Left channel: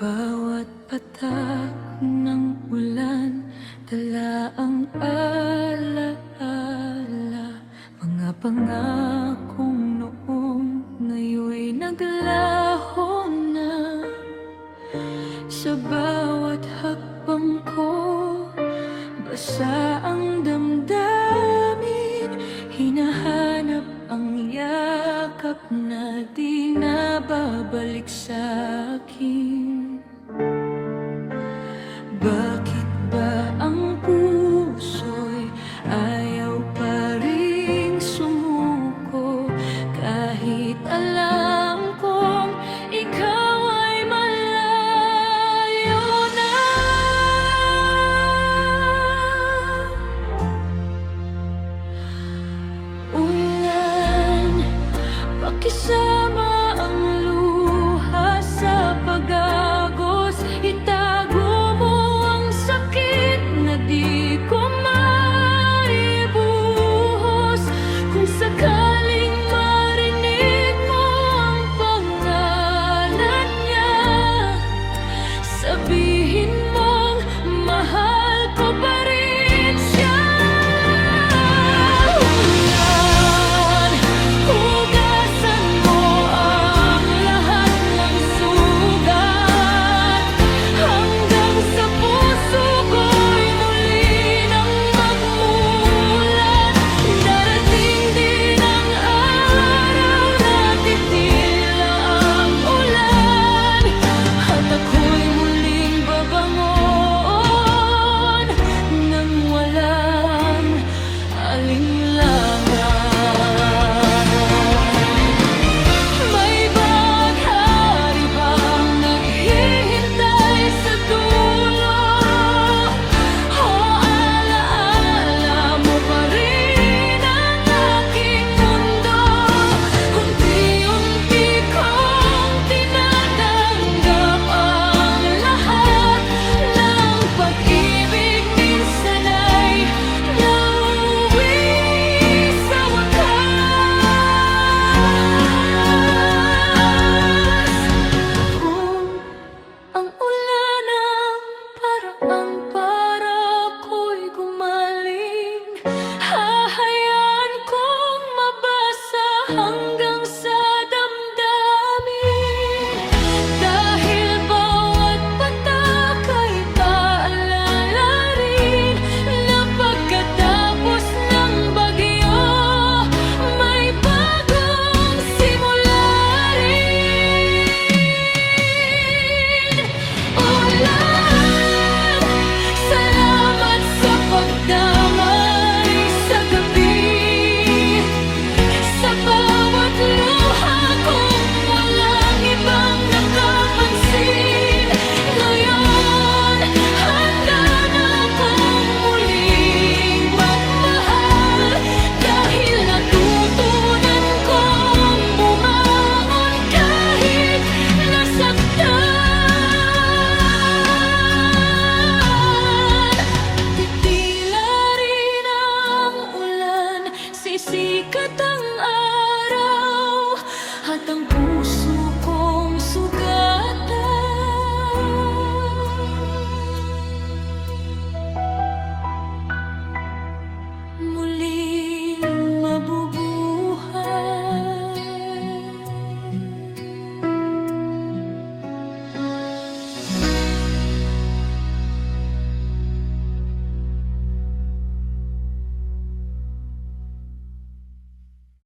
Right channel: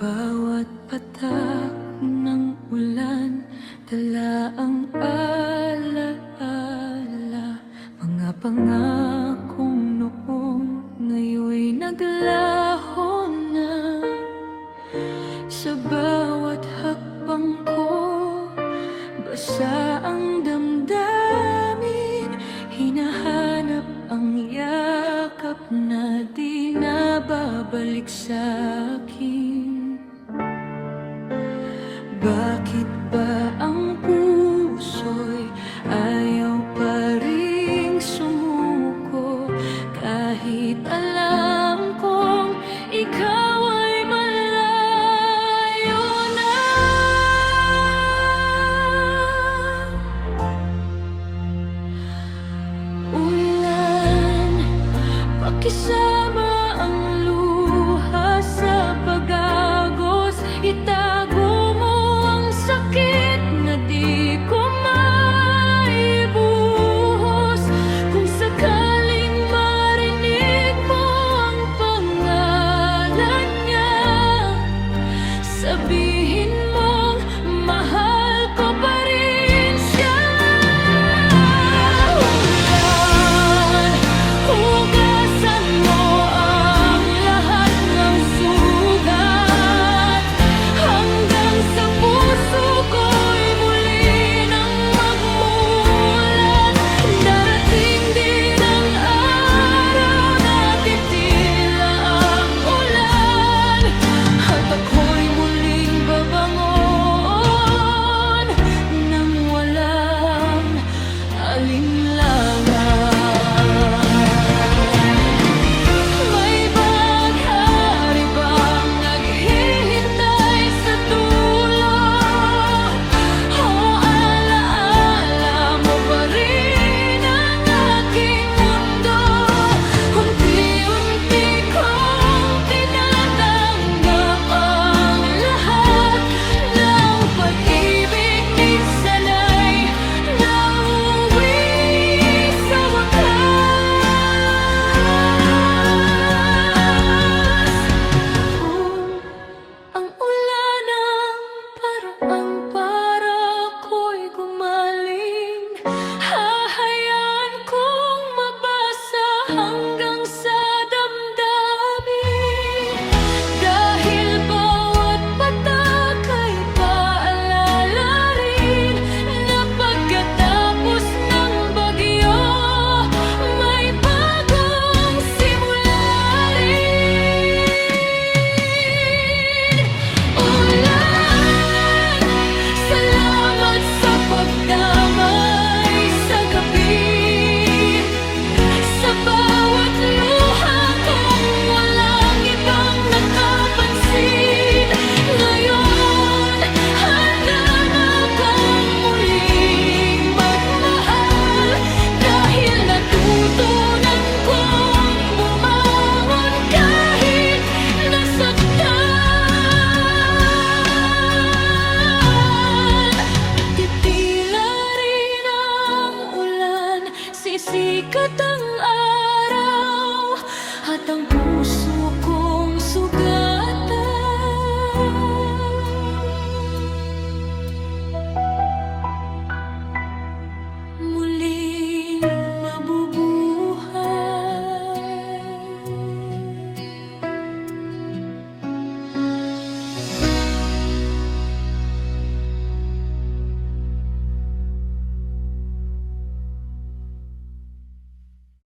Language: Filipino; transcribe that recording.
Bawat patak ng ulan, dala ang alaala. Mga pangakong noon, ngayon'y naglaho na. Sa bawat hakbang ko, basa ang damdamin. Hinahanap ang yakap na di nababalik sa akin. Bakit ba ang puso'y ayaw pa ring sumuko? Kahit alam kong ikaw ay malayo na. Ulan, pakisama ang luha sa pag-agos. Itago mo ang sakit na di ko maibuhos. Kung sakaling marinig mo ang pangalan niya, sabihin mong mahal ko pa rin siya. Ulan, hugasan mo ang lahat ng sugat, hanggang sa puso ko'y muli nang magmulat. Darating din ang araw na titila ang ulan, at ako'y muling babangon nang walang alinlangan. May baghari bang naghihintay sa dulo? O alaala mo pa rin ang aking mundo? Unti-unti kong tinatanggap ang lahat ng pag-ibig. Minsan ay nauwi sa wakas. Kung ang ulan ang paraang para ko'y gumaling, hahayaan kong mabasa hanggang sa damdamin. Dahil bawat patak ay paalala rin na pagkatapos ng bagyo, may bagong simula rin. Ulan, salamat sa pagdamay sa gabi. Sa bawat luha kong walang ibang nakapansin. Ngayon, handa na akong muling magmahal, dahil natutunan kong bumangon kahit nasaktan. Titila rin ang ulan, sisikat ang araw, at ang puso kong